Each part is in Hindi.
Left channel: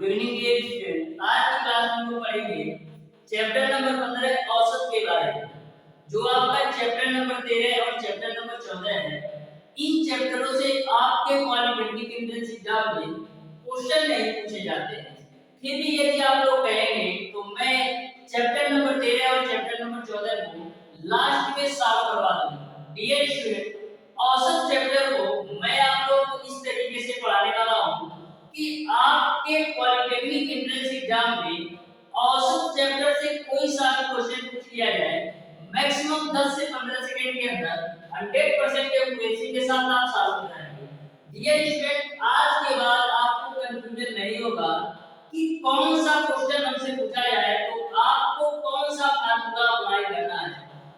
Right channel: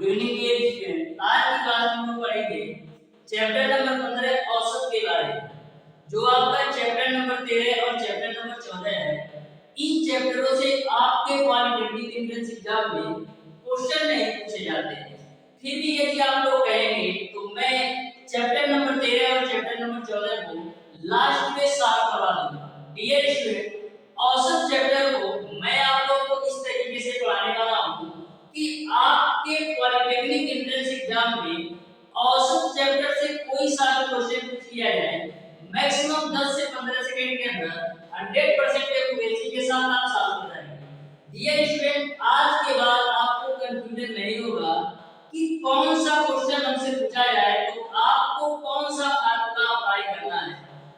Good evening dear student. आज की क्लास में हम पढ़ेंगे चैप्टर नंबर 15 औसत के बारे में। जो आपका चैप्टर नंबर 13 और चैप्टर नंबर 14 है, इन चैप्टरों से आपके पॉलिटेक्निक एंट्रेंस एग्जाम में क्वेश्चन नहीं पूछे जाते हैं। फिर भी यदि आप लोग कहेंगे तो मैं चैप्टर नंबर 13 और चैप्टर नंबर 14 को लास्ट में सॉल्व करवा दूंगा। डियर स्टूडेंट, औसत चैप्टर को मैं आप लोगों को इस तरीके से पढ़ाने वाला हूँ कि आपके पॉलिटेक्निक एंट्रेंस एग्जाम में औसत चैप्टर से कोई सा भी क्वेश्चन पूछ लिया जाए, मैक्सिमम 10 से 15 सेकंड के अंदर 100% एक्यूरेसी के साथ आप सॉल्व कर जाएंगे। डियर स्टूडेंट, आज के बाद आपको कंफ्यूजन नहीं होगा कि कौन सा क्वेश्चन हमसे पूछा जाए तो आपको कौन सा फार्मूला अप्लाई करना है,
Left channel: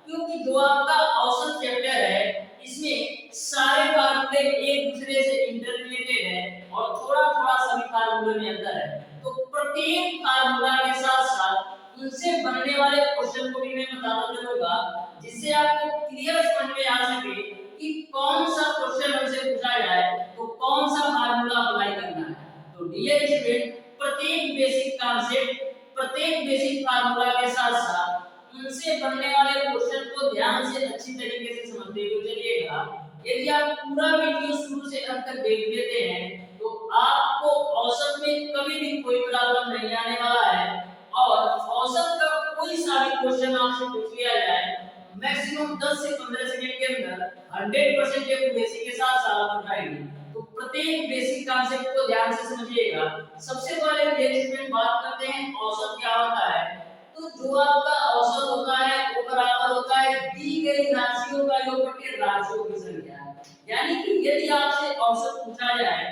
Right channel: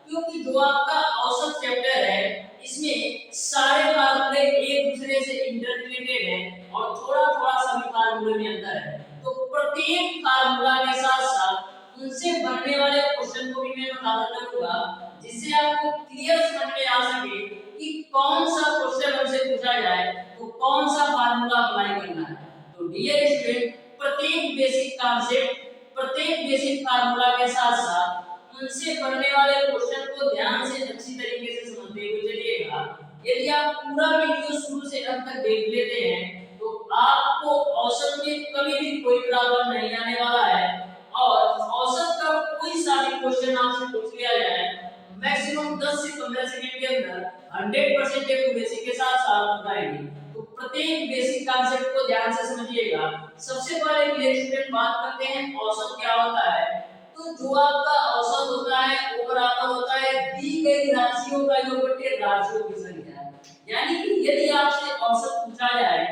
क्योंकि जो आपका औसत चैप्टर है इसमें सारे फार्मूले एक दूसरे से इंटररिलेटेड हैं और थोड़ा थोड़ा सभी फार्मूले में अंतर है। तो प्रत्येक फार्मूला के साथ साथ उनसे बनने वाले क्वेश्चन को भी मैं बताता चलूंगा, जिससे आपको क्लियर समझ में आ सके कि कौन सा क्वेश्चन हमसे पूछा जाए तो कौन सा फार्मूला अप्लाई करना है। तो डियर स्टूडेंट, प्रत्येक बेसिक कॉन्सेप्ट, प्रत्येक बेसिक फार्मूला के साथ साथ उनसे बनने वाले क्वेश्चन को ध्यान से अच्छी तरीके से समझते हुए चलिएगा। यदि आप पूरा वीडियो शुरू से अंत तक देख लेते हैं तो आपको औसत में कभी भी कोई प्रॉब्लम नहीं आने वाला है और औसत का कोई सा भी क्वेश्चन आपसे पूछ लिया जाए, मैक्सिमम 10 से 15 सेकंड के अंदर 100% एक्यूरेसी के साथ सॉल्व कर पाएंगे। तो प्रत्येक बेसिक कॉन्सेप्ट को ध्यान से समझिएगा। सबसे पहले डियर स्टूडेंट बात करते हैं औसत क्या होता है। तो जो आपका औसत होता है वो बराबर होता है दी गई राशियों का योग बटे राशियों की संख्या। यानी कि यदि आपसे औसत पूछा जाए,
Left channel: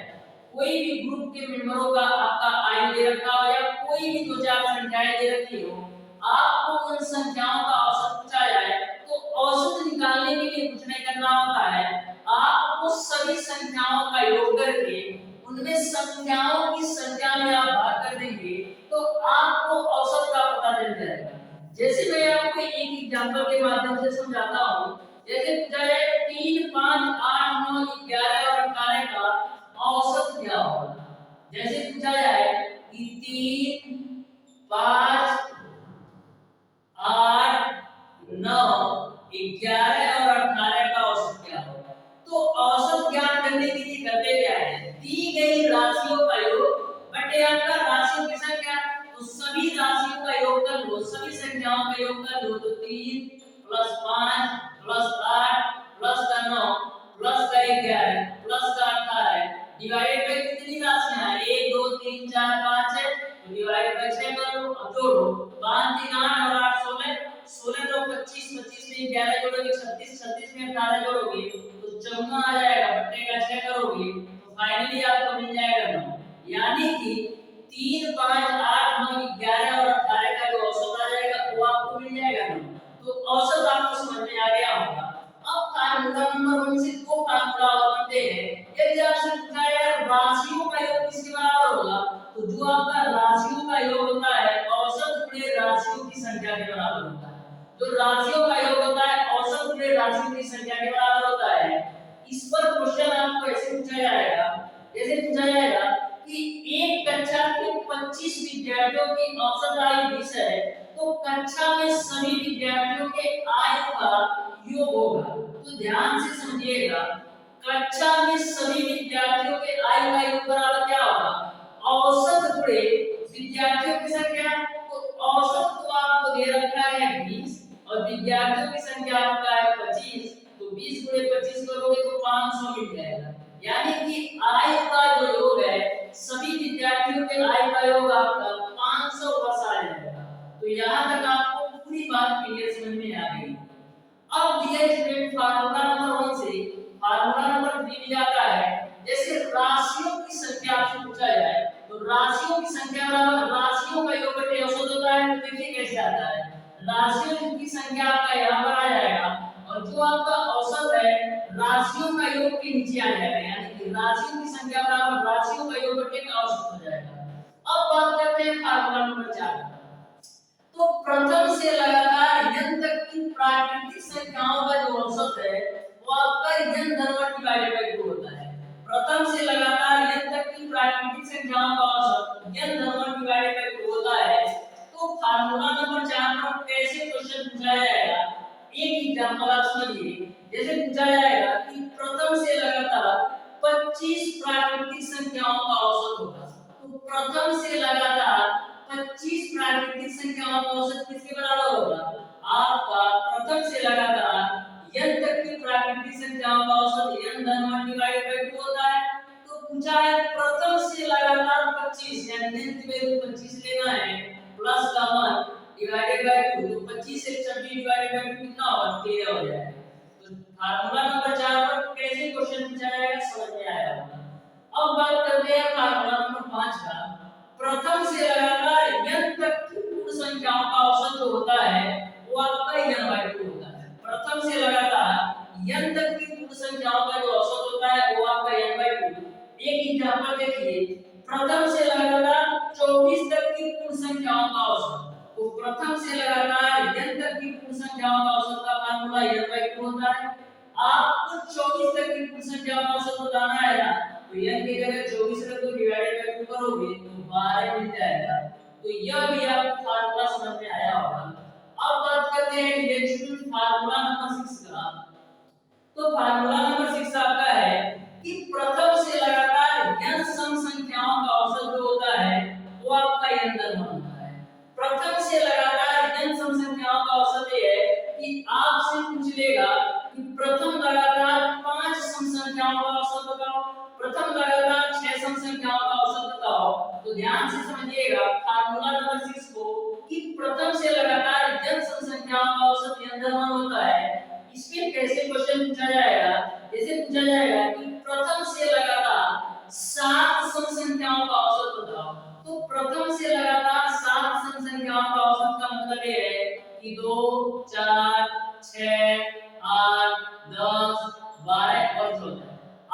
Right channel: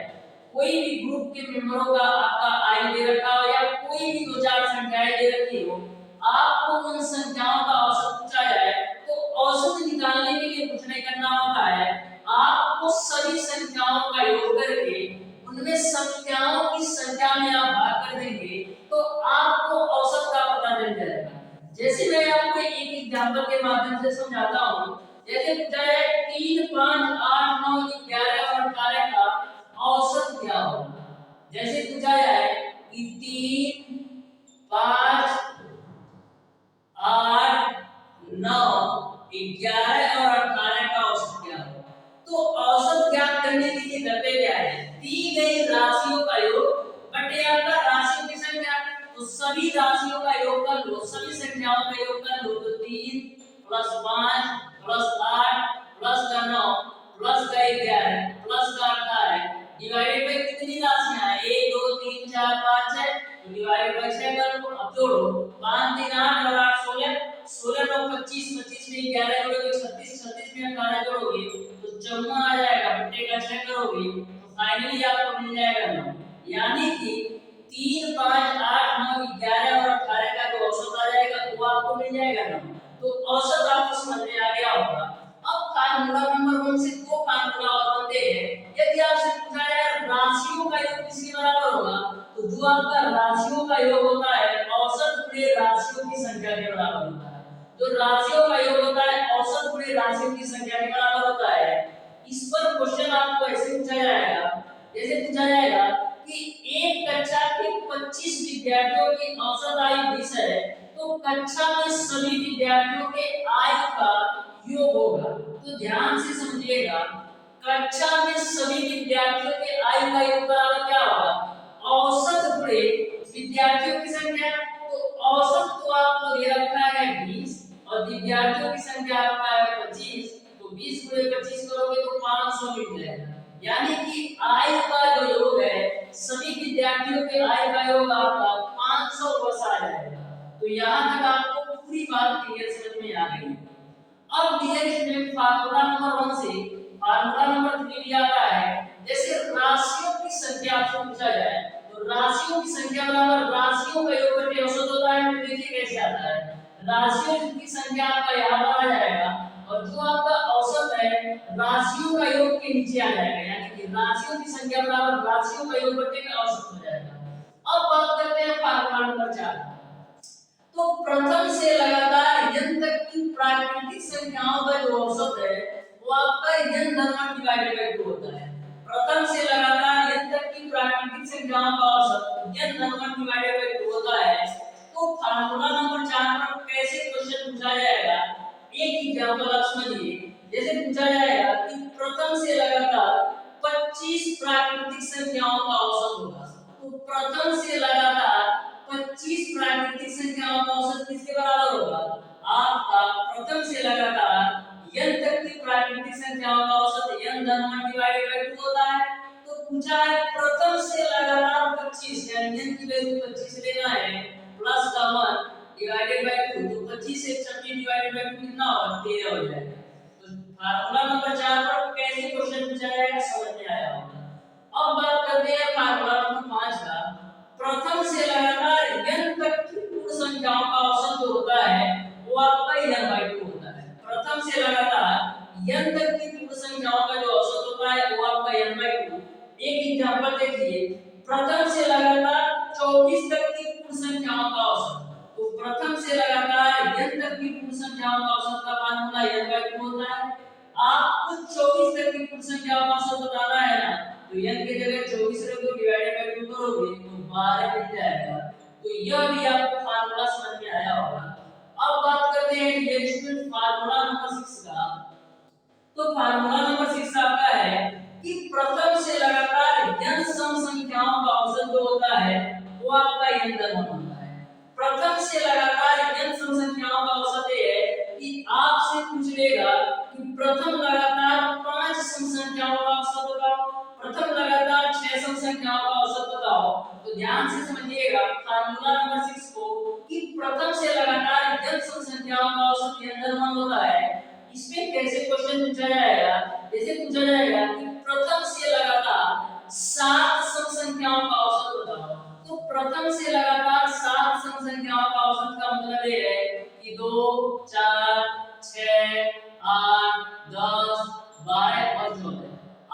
कोई भी ग्रुप के मेंबरों का आपका आई दे रखा हो या कोई भी दो चार संख्याएं दे रखी हो, आपको उन संख्याओं का औसत पूछा जाए तो औसत निकालने के लिए कुछ नहीं करना होता है, आपको सभी संख्याओं का योग करके उनमें संख्याओं की संख्या में आप भाग कर देंगे तो आपको औसत का पता चल जाएगा। जैसे मैं आपको एक एग्जांपल के माध्यम से समझाता हूं। जैसे पूछा जाए 3, 5, 8, 9, 11 और 18 का औसत क्या होगा। जैसे पूछा जाए कि 3, 5, 8, 9, 11 और 18 का औसत क्या होगा। तो औसत ज्ञात करने के लिए करते क्या है, दी गई राशियों का योग बटे आपका राशियों की संख्या। तो सभी राशियों का योग कर लो, सभी संख्याओं का योग कर लो। तो 3 + 5 + 8 + 9 + 11 + 18 डिवाइडेड बाय कितनी राशियां हैं, 1 2 3 4 5 है, तो डिवाइडेड बाय 6 कर लो। अब जोड़ो 5 3 8 और 8 16, 16 तो 25, 25 में 11 जोड़ोगे 36, 36 में 18 जोड़ोगे तो 54 आ जाएगा, बट्टे का 6 करोगे तो फाइनली आपको मिल जाएगा 9। यानी कि 3, 5, 8, 9, 11 और 18 का जो औसत आ जाएगा वो आपको मिल जाएगा 9। तो औसत आपको समझ में आ गया होगा। अब फार्मूला नंबर 1 से दो फार्मूला और बनते हैं। यदि आपसे पूछा जाए राशियों का योग किसके बराबर होगा, तो जो आपका राशियों का योग होता है औसत गुणे राशियों की संख्या के बराबर होता है। जो राशियों का योग होता है औसत गुणे राशियों की संख्या के बराबर होता है। इस पर क्वेश्चन आपको ऐसे पूछा जाएगा, जैसे पूछा जाएगा कि एक कक्षा के 25 विद्यार्थियों की औसत आयु 20 है, तो कक्षा में सभी विद्यार्थियों के आयु का योग होगा। तो ध्यान से समझिएगा, कक्षा में सभी विद्यार्थियों के आयु का योग बराबर क्या होगा, औसत गुणे विद्यार्थियों की संख्या। तो औसत तो आपको दे रखा है 20 और विद्यार्थियों की संख्या आपका है 25, तो 20 × 25 करोगे तो 500 मिल जाएगा। यानी कि आयु का जो योग है, सभी विद्यार्थियों के आयु का योग आपका 500 वर्ष आ जाएगा। तो यहाँ तक आपको पूरी बात क्लियर समझ में आ गई। अब डियर स्टूडेंट, फार्मूला नंबर 1 से फार्मूला नंबर 3 भी आता है। जैसे राशियों की संख्या आपसे पूछा जाए तो राशियों की संख्या बराबर राशियों का योग बटे औसत होता है। तो देखिए कैसे आता है, राशियों की संख्या आपका यहाँ पर आ जाएगा और जो आपका औसत है राशियों का योग के नीचे आ जाएगा। यानी कि राशियों की संख्या बराबर राशियों का योग बटे का औसत हो जाएगा। अब बात करते हैं फार्मूला नंबर 4। तो प्रथम से लगातार n तक की प्राकृतिक संख्याओं का जो औसत है वो आपका n धन डिवाइडेड बाय 2 होता है। प्रथम से लगातार n तक की प्राकृतिक संख्याओं का औसत n प्रथम से लगातार 25 प्राकृतिक संख्याओं का औसत किसके बराबर होगा? आपका प्रथम से लगातार n तक की प्राकृतिक संख्याओं का औसत n धन 1 डिवाइडेड बाय 2 होता है। तो पूछा है प्रथम से लगातार 25 यानी n की वैल्यू 25 लेना है प्लस का 1 डिवाइडेड बाय 2, तो 25 से 26 डिवाइडेड बाय 2 कितना होगा? 13 हो जाएगा। तो फार्मूला नंबर 4 पर कैसे क्वेश्चन पूछा जाएगा समझ में आया होगा। अब बात करते हैं फार्मूला नंबर 5 का। प्रथम से लगातार n तक की पूर्ण संख्याओं का औसत जो होता है वो आपका n/2 होता है। प्रथम से लगातार n तक की पूर्ण संख्याओं का जो औसत होता है वो आपका n/2। एक एग्जांपल देखिए, प्रथम से लगातार 24 तक की पूर्ण संख्याओं का औसत, तो प्रथम से लगातार n तक की पूर्ण संख्याओं का औसत का फार्मूला n/2 होता है। आपको 24 तक की पूर्ण संख्याओं का औसत बताना है ना, तो n की जगह 24 रख दो, डिवाइडेड बाय 2 करोगे तो 12 मिल जाएगा। तो यह भी आपको फार्मूला समझ में आया होगा। अब बात करते हैं डिरेक्शनल फार्मूला नंबर 6 का। तो फार्मूला नंबर 6 आपका है कि प्रथम से लगातार n सम संख्याओं का औसत जो होता है वो आपका n धन 1 होता है। प्रथम से लगातार n सम संख्याओं का औसत ये है कि आपसे पूछ लेगा कि प्रथम लगातार 5 सम संख्याओं का औसत बताओ, प्रथम लगातार 6 सम संख्याओं का औसत बताओ। तो ध्यान से समझिएगा फार्मूला नंबर 6 को कि प्रथम से लगातार n सम संख्याओं का औसत n धन 1 होता है। इसमें कैसे क्वेश्चन पूछा जाएगा? जैसे पूछा जाएगा कि प्रथम से लगातार 7 सम संख्याओं का औसत बताओ, तो प्रथम से लगातार 7 सम संख्याओं का औसत का मतलब ये है कि 2 4 6 8 10 12 और 14।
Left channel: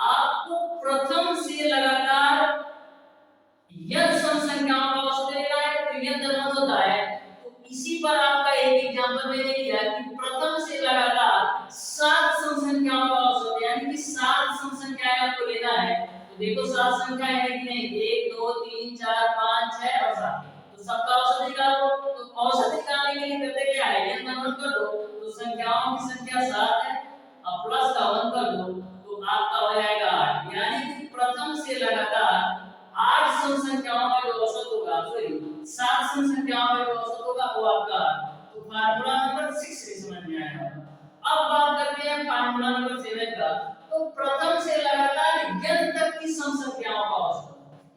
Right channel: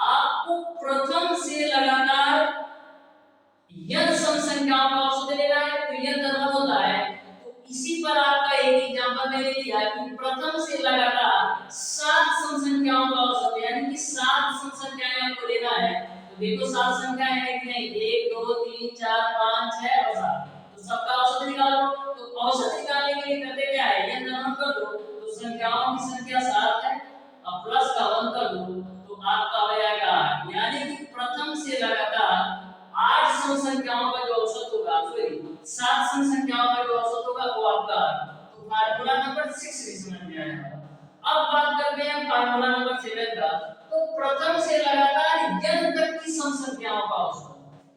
आपको प्रथम से लगातार n सम संख्याओं का औसत लेना है, तो n धन 1 होता है। तो इसी पर आपका एक एग्जांपल मैंने दिया कि प्रथम से लगातार 7 सम संख्याओं का औसत यानी कि 7 सम संख्याएं आपको लेना है। तो देखो 7 संख्याएं हैं कि नहीं, 1 2 3 4 5 6 और 7, तो सबका औसत निकालो। तो औसत निकालने के लिए करते क्या है, n धन 1 कर दो, तो संख्याओं की संख्या 7 है और प्लस का 1 कर दो, तो आपका हो जाएगा 8। यानी कि प्रथम से लगातार 8 सम संख्याओं का जो औसत होगा, सॉरी 7 सम संख्याओं का जो औसत होगा वो आपका, तो फार्मूला नंबर 6 भी समझ में आया। अब बात करते हैं फार्मूला नंबर 7 का। तो प्रथम से लगातार n तक की सम संख्याओं का औसत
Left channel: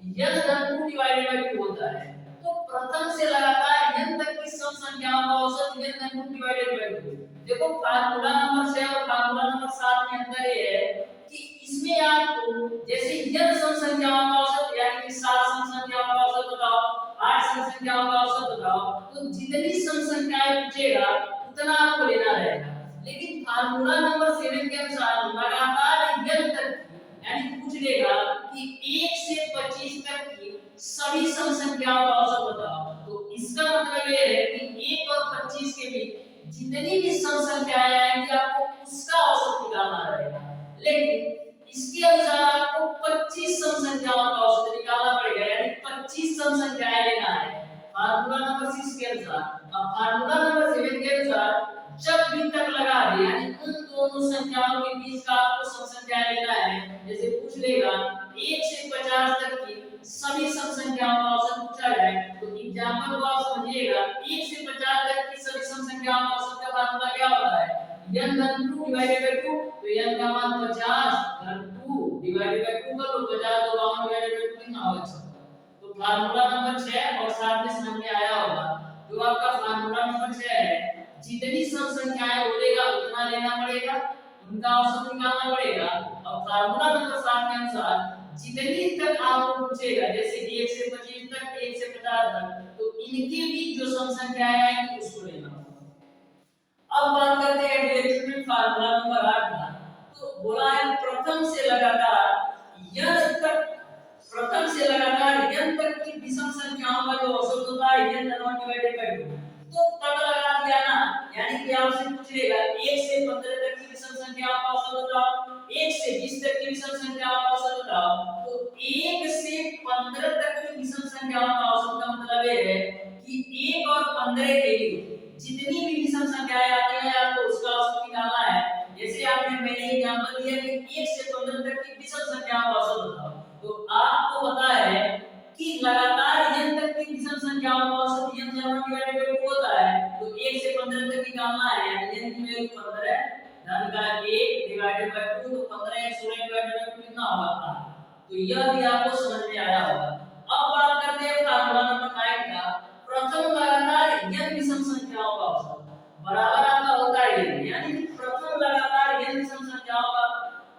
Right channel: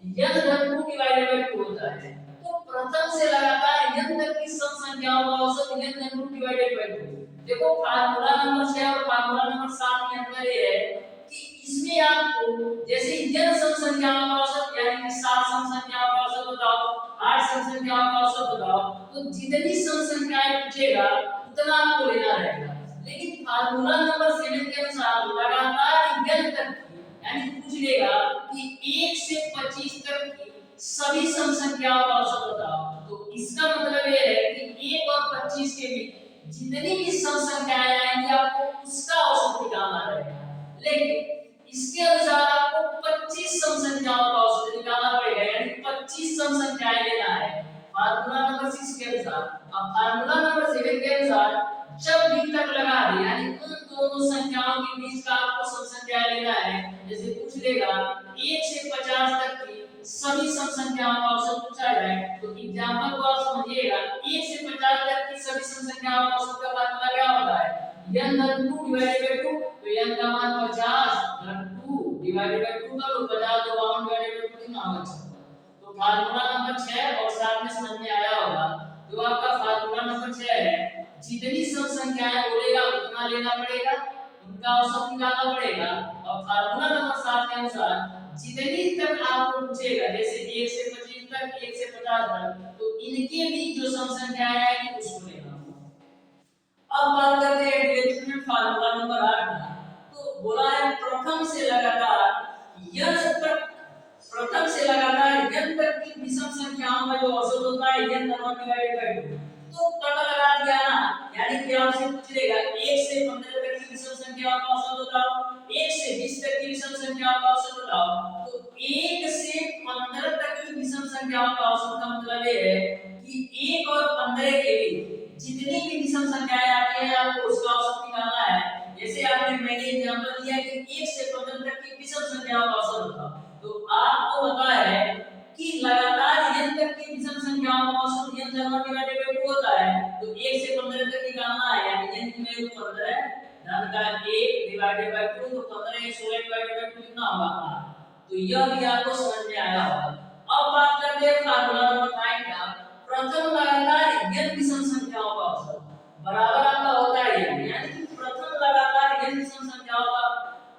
n धन 2 डिवाइडेड बाय 2 होता है। तो प्रथम से लगातार n तक की सम संख्याओं का औसत n धन 2 डिवाइडेड बाय 2। देखो फार्मूला नंबर 6 और फार्मूला नंबर 7 में अंतर ये है कि इसमें आपको जैसे n सम संख्याओं का औसत यानी कि 7 सम संख्याओं का औसत बताओ, 8 सम संख्याओं का औसत बताओ, तो जितनी सम संख्याएं पूछेगा उतना आपको लेना रहेगा। लेकिन फार्मूला नंबर 7 के अनुसार लगातार n तक यानी पूछ लेगा कि 1 से 25 तक की सभी सम संख्याओं का औसत बताओ। तो इसका मतलब ये है कि 1 और 25 के बीच जितनी भी सम संख्याएं आएंगी आपको उसका औसत निकालना रहेगा। लेकिन इसके अनुसार आपको 25 सम संख्याओं का औसत निकालना पड़ेगा, यानी 25 सम संख्याएं लेना है फार्मूला नंबर 6 के अनुसार। अब फार्मूला नंबर 7 के अनुसार जब भी तक लगा दे यानी उन दोनों संख्याओं के बीच का आपको सम संख्याएं लेना है। जैसे पूछ लेगा 1 से 50 तक की सभी सम संख्याओं का औसत पूछा जाए, तो एग्जांपल को आप समझिएगा। 1 से 50 तक की सभी सम संख्याओं का औसत का फार्मूला क्या होता है, n धन 2 डिवाइडेड बाय 2। तो n का मान 50 धन 2 डिवाइडेड बाय 2 कर लो, 50 तो 52 डिवाइडेड बाय 2 कितना होगा 56। तो फार्मूला नंबर 6 और 7 में समझ में आया होगा। जो आपका फार्मूला नंबर 6 है, जितनी सम संख्याएं बोलेगा उतना लेना पड़ेगा, उनका औसत निकालना पड़ेगा। और फार्मूला नंबर 7 के अनुसार जितनी तक आपको पूछेगा, जैसे 1 से 25 तक, 1 से 50 तक, तो इनके बीच जो सम संख्याएं आएंगी उसको लेना होगा। अब बात करते हैं डिरेक्शनल फार्मूला नंबर 8 का। तो बोला है प्रथम से लगातार n तक की विषम संख्याओं का जो औसत होता है n धन 1 डिवाइडेड बाय 2। तो पता लगा दिया ना, यानी कि आपसे पूछ लेगा 1 से 15 तक की विषम संख्याओं का औसत बताओ, 1 से 20 तक की विषम संख्याओं का औसत बताओ। तो 1 से 15 तक की विषम संख्याओं का औसत का मतलब ये है कि 1 और 15 के बीच जितनी भी विषम संख्याएं आती हैं आपको उसका औसत निकालना है। जैसे आपने मैंने एग्जांपल दिया कि 1 से 15 तक की विषम संख्याओं का औसत बताओ, तो आपको पता है कि लगातार डिवाइडेड बाय 2 होता है, तो 1 से 15 तक निकालना है, यानी n की वैल्यू 15 धन का 1 डिवाइडेड बाय 2, तो 15 है 16 डिवाइडेड बाय 2 कितना होगा 8। तो यह भी आपको समझ में आया होगा। अब बात करते हैं फार्मूला नंबर 9 का, प्रथम लगातार n विषम संख्याओं का औसत बराबर आपका होता है n, यानी कि प्रथम लगातार n विषम संख्याओं का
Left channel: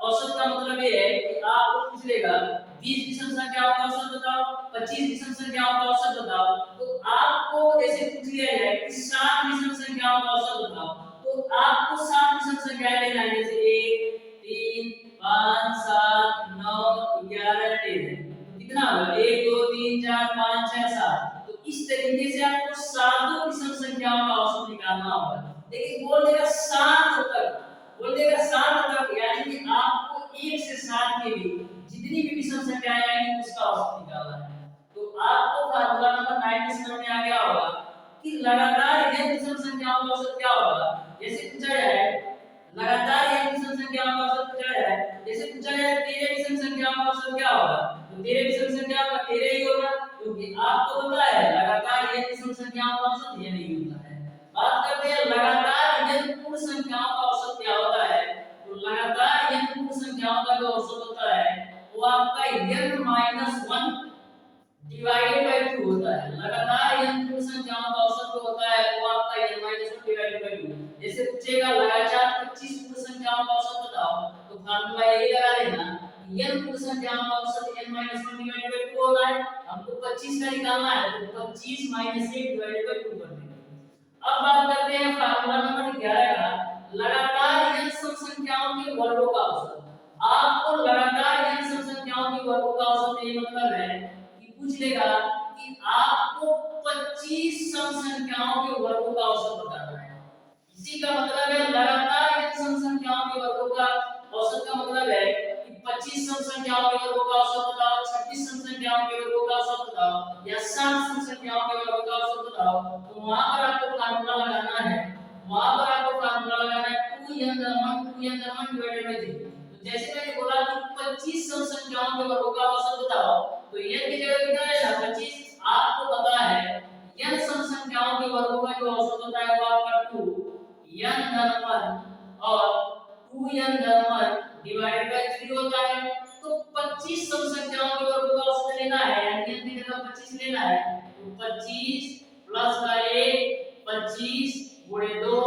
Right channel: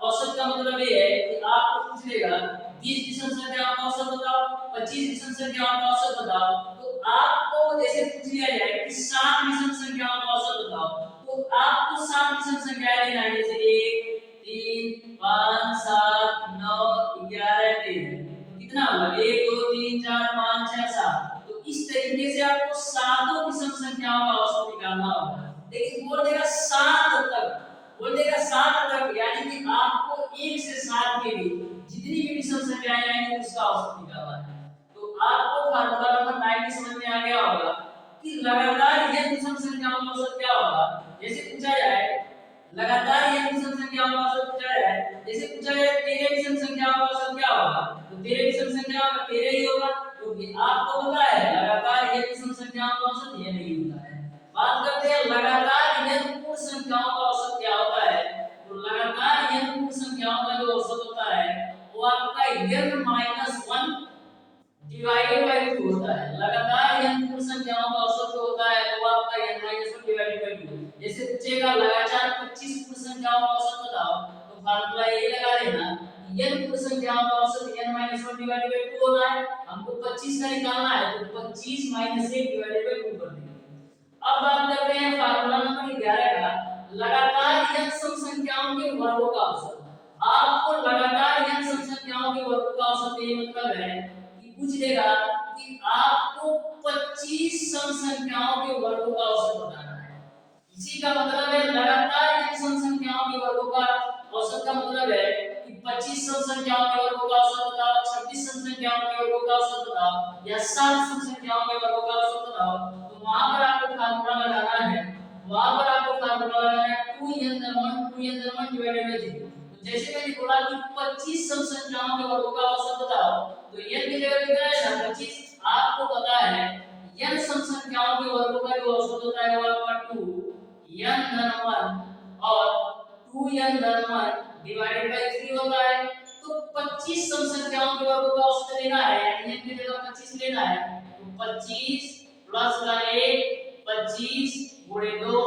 औसत का मतलब ये है कि आपको पूछ लेगा 20 विषम संख्याओं का औसत बताओ, 25 विषम संख्याओं का औसत बताओ, तो आपको जैसे पूछ लिया जाए कि 7 विषम संख्याओं का औसत बताओ, तो आपको 7 विषम संख्याएं लेना है, जैसे 1 3 5 7 9 11 13, तो कितना होगा 1 2 3 4 5 6 7। तो इस तरीके से आपको सातों विषम संख्याओं का औसत निकालना होगा। लेकिन बोल देगा 7 तक, बोल देगा 7 तक, यानी कि आपको 1 से 7 के बीच जितनी भी विषम संख्याएं आएंगी उसका औसत निकालना है। तो आपको फार्मूला नंबर 9 समझ में आ गया होगा कि लगातार n विषम संख्याओं का औसत क्या होगा। जैसे पूछा जाए लगातार n विषम संख्याओं का औसत पूछा जाए, जैसे पूछा जाए 13 विषम संख्याओं का औसत क्या होगा, तो 13 विषम संख्याओं का 13 ही होगा, क्योंकि आपको पता है लगातार n विषम संख्याओं का औसत ये नहीं होता है। बात करते हैं लगातार n पूर्ण संख्याओं का औसत क्या होता है, तो लगातार n पूर्ण संख्याओं का जो औसत होता है वो आपका n माइनस 1 डिवाइडेड बाय 2 होता है। लगातार n पूर्ण संख्याओं का औसत जो होता है वो आपका n माइनस 1 डिवाइडेड बाय 2। जैसे पूछेगा लगातार 25 पूर्ण संख्याओं का औसत बताओ, तो फार्मूला यही लगा लेना n पूर्ण संख्याओं का औसत n माइनस 1 डिवाइडेड बाय 2 होता है, हमको 25 का निकालना है, तो 25 माइनस 1 डिवाइडेड बाय 2 कर देंगे। अब बात करते हैं फार्मूला नंबर 11 का, लगातार n सम संख्याओं के वर्गों का औसत। आपको लगातार n सम संख्याओं के वर्गों का औसत ये मतलब है कि पूछ लेगा कि आपको 25 सम संख्याओं के वर्गों का औसत बताना है। इसी का मतलब है लगातार n सम संख्याओं के वर्गों का औसत का मतलब है कि 25 सम संख्याओं के वर्गों का औसत बताओ, 26 सम संख्याओं के वर्गों का औसत बताओ या 7 सम संख्याओं के वर्गों का औसत बताओ। तो वहां पर आपको फार्मूला लगाना है, वहां पर आपको फार्मूला लगाना है 2n धन 1 डिवाइडेड बाय 0। तो जैसे मैंने बोला कि 25 सम संख्याओं के वर्गों का औसत बताओ, तो n की जगह कितना है ना 25। आपको पता है n सम संख्याओं के वर्गों का जो औसत होता है वो आपका 2n धन 1 और 2n धन 1 डिवाइडेड बाय 3 होता है। तो 25 सम संख्याओं के वर्गों का औसत लेना है, यानी n की जगह 25 लेना है, तो 25 प्लस का 1 25 गुणे 2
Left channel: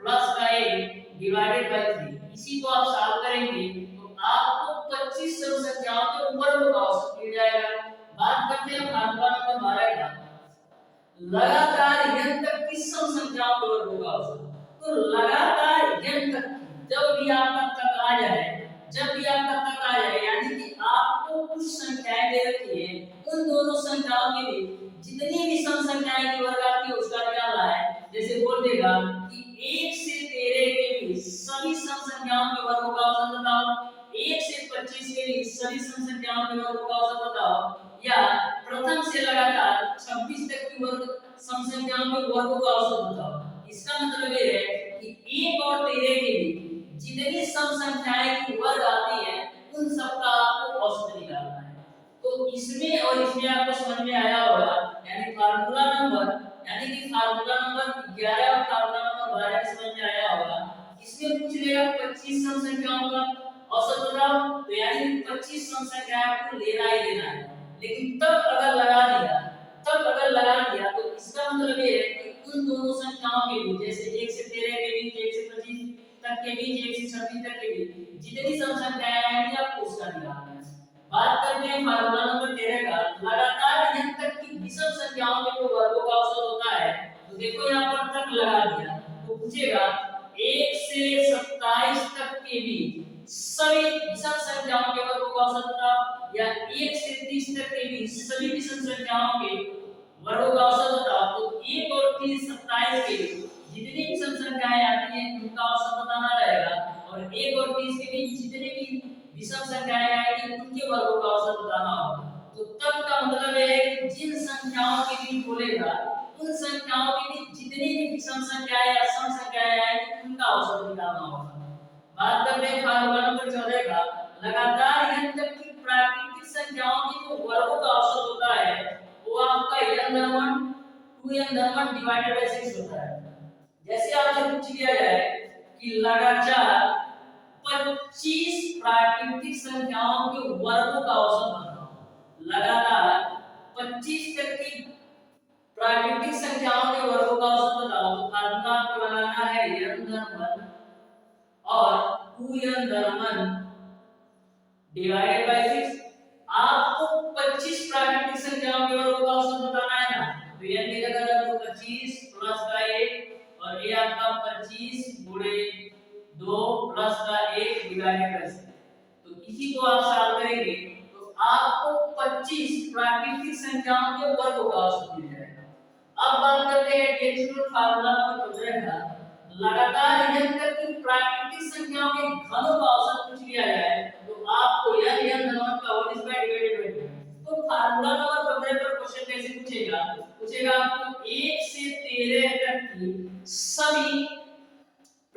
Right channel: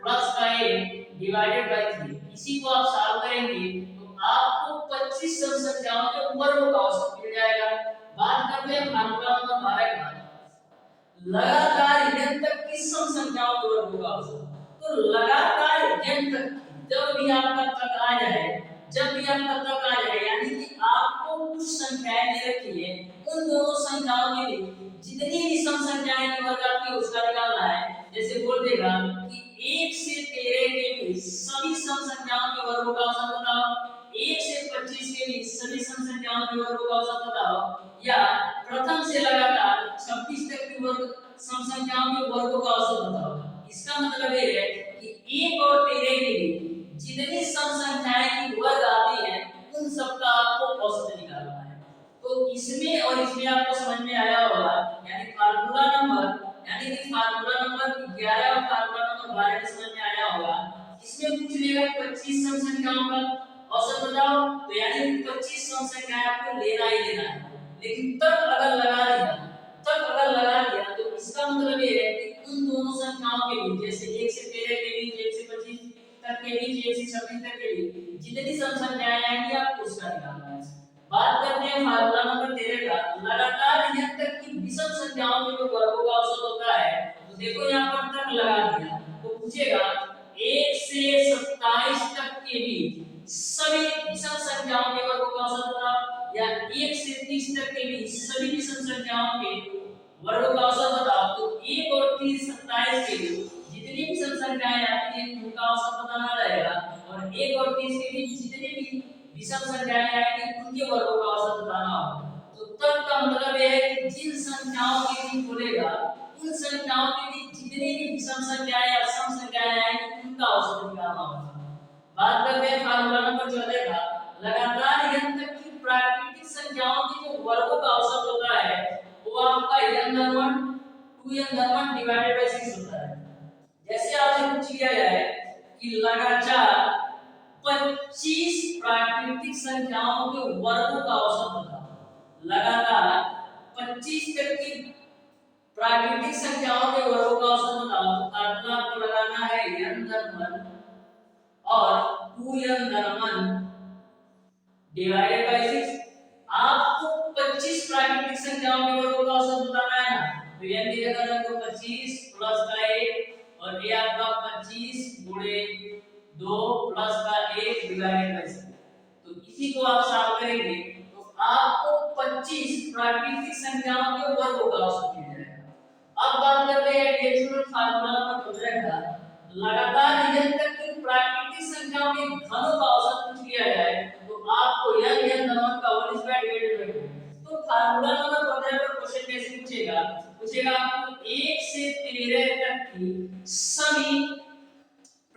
प्लस का 1 डिवाइडेड बाय 3। इसी को आप सॉल्व करेंगे तो आपको 25 सम संख्याओं के वर्गों का औसत मिल जाएगा। बात करते हैं फार्मूला नंबर 12 का, लगातार n तक की सम संख्याओं के वर्गों का औसत। तो लगातार n तक जब भी आपका तक आ जाए, जब भी आपका तक आ जाए, यानी कि आपको कुछ संख्याएं दे रखी है, उन दोनों संख्याओं के बीच जितनी भी सम संख्याएं की वर्ग आती है उसका निकालना है। जैसे बोल देगा कि 1 से 13 के बीच सभी सम संख्याओं के वर्गों का औसत बताओ, 1 से 25 के बीच सभी सम संख्याओं के वर्गों का औसत बताओ, या प्रथम से लगातार 26 तक की वर्ग सम संख्याओं के वर्गों का औसत बताओ। इसका मतलब ये है कि 1 और 13 के बीच जितनी सम संख्याएं की वर्ग आती हैं उन सबका आपको औसत निकालना है। तो इसमें और इसमें आपको समझ में आया होगा, यानी फार्मूला नंबर 11 और फार्मूला नंबर 12 में समझ में आया होगा। इसमें पूछ लेगा 25 सम संख्याओं का औसत बताओ, तो यानी 25 सम संख्याएं आपको लेना ही लेना है। लेकिन तब अगर लगा दिया तो इसका मतलब ये है कि उन दोनों संख्याओं के बीच, जैसे 1 से 13 के बीच, 1 से 25 तक के बीच, 1 से 26 तक के बीच जितनी सम संख्याएं आएंगी आपको उसका निकालना है। बात करते हैं फार्मूला नंबर 13 का, लगातार n तक की विषम संख्याओं के जो वर्गों का औसत होता है। तो देखो यहाँ पर तक लगा दिया, तो पूछेगा 1 से 27 तक के बीच सभी विषम संख्याओं के वर्गों का औसत बताओ, या 1 से 30 तक के बीच सभी विषम संख्याओं के वर्गों का औसत बताओ। तो 1 और 30 27 के बीच जितनी विषम संख्याएं आती हैं उनका औसत बताना रहेगा, और 1 और 30 के बीच जितने भी विषम संख्याएं आएंगी उनके वर्गों का औसत बताना होगा। तो तब का मतलब यह है कि जिन संख्याओं के बीच बोलेगा उन संख्याओं के बीच जितनी भी विषम संख्याएं या सम संख्याएं आएंगी उनका औसत निकालना होगा। बात करते हैं फार्मूला नंबर 14 का, लगातार n तक की प्राकृतिक संख्याओं की जो वर्गों का औसत होता है वो आपका n धन 1 2n/1 डिवाइडेड बाय 6 होता है। जैसे आपसे पूछ लिया जाए कि लगातार 25 प्राकृतिक संख्याओं के वर्गों का औसत बताओ। लगातार 25 तक की प्राकृतिक संख्याओं के वर्गों का औसत बताओ। तो फार्मूला आपको लगाना है n/1 और 2n/1 डिवाइडेड बाय 6। आपको 25 प्राकृतिक संख्याओं के वर्गों का औसत बताना है ना, तो n की जगह रख दो 25 प्लस का 1 और ये आपका 25 गुणे 2 प्लस का 1 डिवाइडेड बाय 6। तो इसी को आप सॉल्व करेंगे तो आपको 25 प्राकृतिक संख्याओं के वर्गों का औसत मिल जाएगा। अब बात करते हैं डेसिमल फार्मूला नंबर 15 का। लगातार n तक की प्राकृतिक संख्याओं के घनों का औसत पूछ लिया जाए तो आपको n/1 का होल स्क्वायर डिवाइडेड बाय 2। तो फार्मूला नंबर 15 पर क्वेश्चन कैसे पूछेगा? पूछेगा आपको 1 से 13 तक की सभी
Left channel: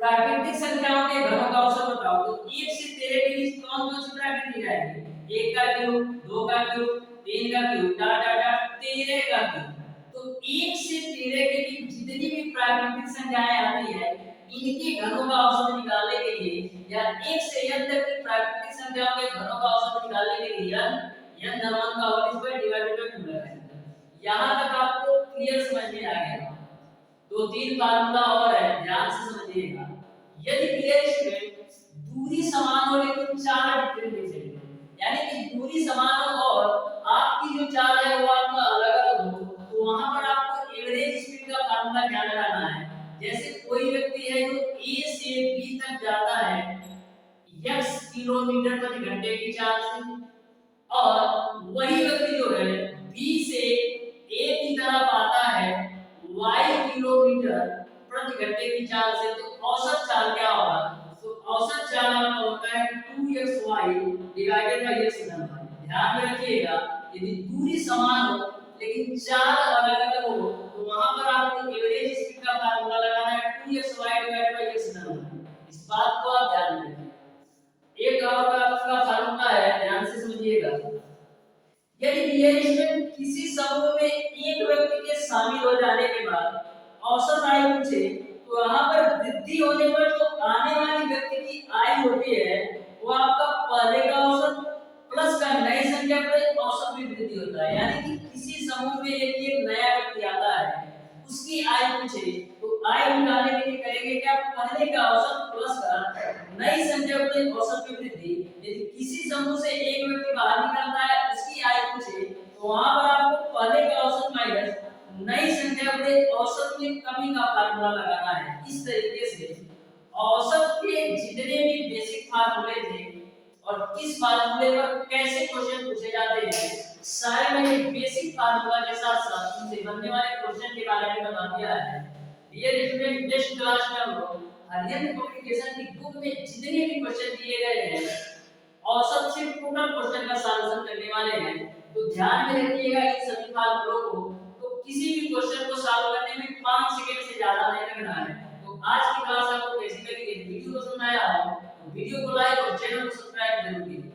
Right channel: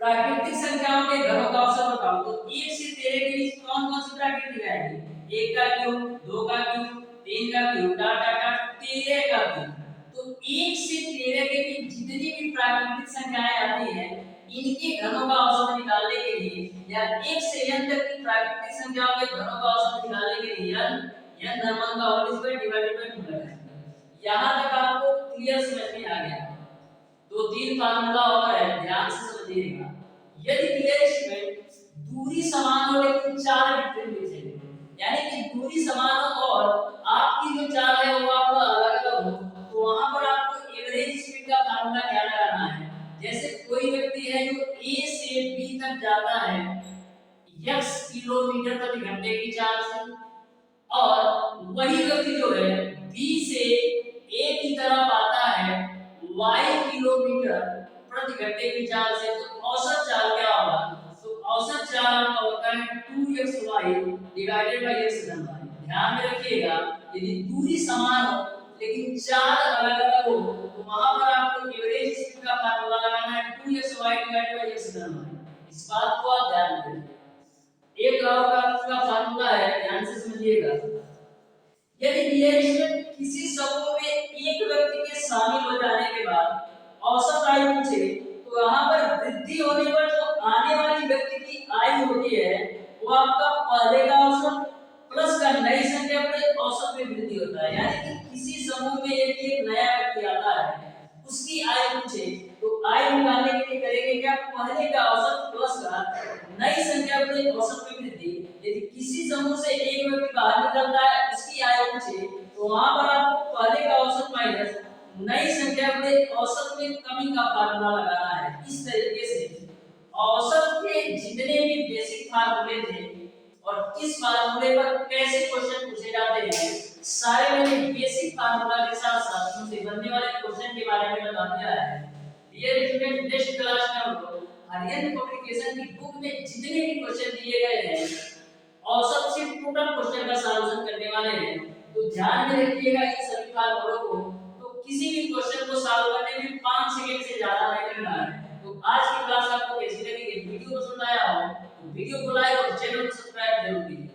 प्राकृतिक संख्याओं के घनों का औसत बताओ। तो 1 से 13 के बीच कौन कौन सी प्राकृतिक आएगी? 1 का क्यूब, 2 का क्यूब, 3 का क्यूब, डॉट डॉट डॉट 13 का क्यूब। तो 1 से 13 के बीच जितनी भी प्राकृतिक संख्याएं आती है इनके घनों का औसत निकालने के लिए या 1 से n तक की प्राकृतिक संख्याओं के घनों का औसत निकालने के लिए n/1 का होल स्क्वायर डिवाइडेड बाय 2 लगाएंगे। यहां तक आपको क्लियर समझ में आ गया? दो तीन फार्मूला और है, ध्यान से समझिएगा। यदि रिलेशनशिप दूरी समान हो लेकिन चाल डिफरेंट चाहिए, यानी कि दूरी समान हो और आपकी जो चाल है वो आपका अलग-अलग हो, तो वहां पर आपको एवरेज स्पीड का फार्मूला क्या लगाना है? जैसे कोई व्यक्ति है जो A से B तक जाता है x किलोमीटर प्रति घंटे की चाल से, और वही व्यक्ति जो है B से A की तरफ आता है y किलोमीटर प्रति घंटे की चाल से, तो औसत चाल क्या होगा? तो औसत चाल आपका होता है 2xy डिवाइडेड बाय x धन y। ध्यान में रखिएगा, यदि दूरी समान हो लेकिन चाल अलग-अलग हो तो वहां पर आपको एवरेज स्पीड का फार्मूला लगाना है 2xy डिवाइडेड बाय x धन y। इस बात को आप ध्यान में रखिएगा। एक और का फार्मूला है, ध्यान से समझिएगा। यदि रिलेशनशिप किसी समूह में एक व्यक्ति के शामिल हो जाने के बाद औसत आयु पूछे तो यहाँ पर वृद्धि होने पर जो आने वाली व्यक्ति की आयु होती है वो आपका पहले का औसत प्लस का नई संख्या पर औसत में वृद्धि होता है। यानी कि किसी समूह में एक नया व्यक्ति आता है, उसकी आयु पूछे तो आयु निकालने के लिए करेंगे क्या? पहले का औसत प्लस का नई संख्या पर औसत में वृद्धि। यदि किसी समूह से एक व्यक्ति बाहर निकलता है, उसकी आयु पूछे तो वहां पर आपको पहले का औसत माइनस नई संख्या बड़े औसत में कमी का फार्मूला लगाना है। इस तरीके से औसत के जितने भी बेसिक फार्मूले थे और किस फार्मूले पर कैसे क्वेश्चन पूछे जाते हैं, सारे मैंने बेसिक फार्मूला के साथ साथ उनसे बनने वाले क्वेश्चन के बारे में बता दिया है। डियर स्टूडेंट, नेक्स्ट क्लास में हम लोग आर्यन पब्लिकेशन की बुक में जितने भी क्वेश्चन दिए गए हैं औसत से टोटल क्वेश्चन का सॉल्यूशन करने वाले हैं। तो ध्यान में रखिएगा इन सभी फार्मूलों को। तो किसी भी क्वेश्चन को सॉल्व करने में 5 सेकंड से ज्यादा नहीं लगना है। तो आज की क्लास आपको कैसी लगी? वीडियो पसंद आया हो तो वीडियो को लाइक और चैनल को सब्सक्राइब जरूर कीजिए।